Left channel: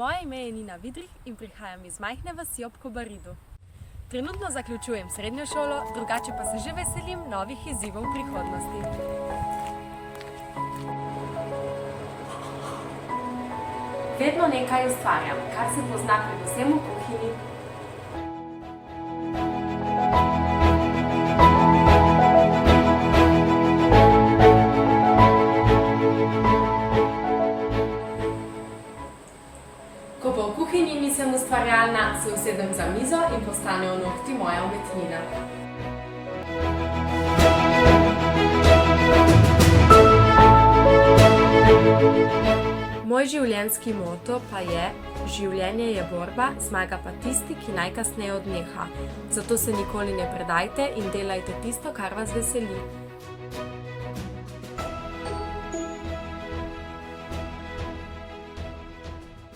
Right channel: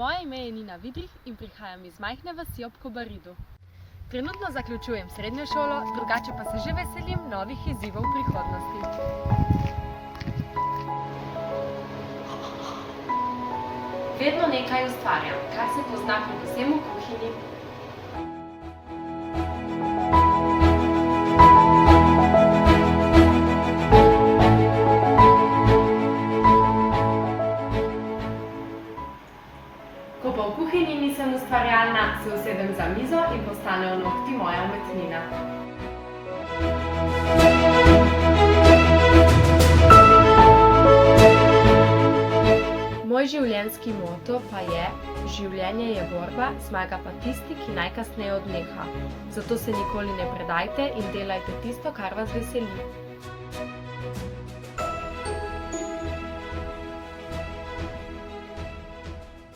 Moje ime je Nina Vidrih in prihajam iz majhne vasi ob Kobaridu. Trenutno zaključujem srednjo šolo, drugače pa se že veselim novih izzivov v prihodnosti. Vedno nekaj ustvarjam, kar se pozna predvsem v kuhinji. Ko pa v kuhinji nisem ustvarjalna, se usedem za mizo in postanejo nohti moja umetnina. Moj življenjski moto pa je: življenje je borba, zmaga pa tisti, ki najkasneje odneha. Zato se nikoli ne predajte in delajte tisto, kar vas veseli.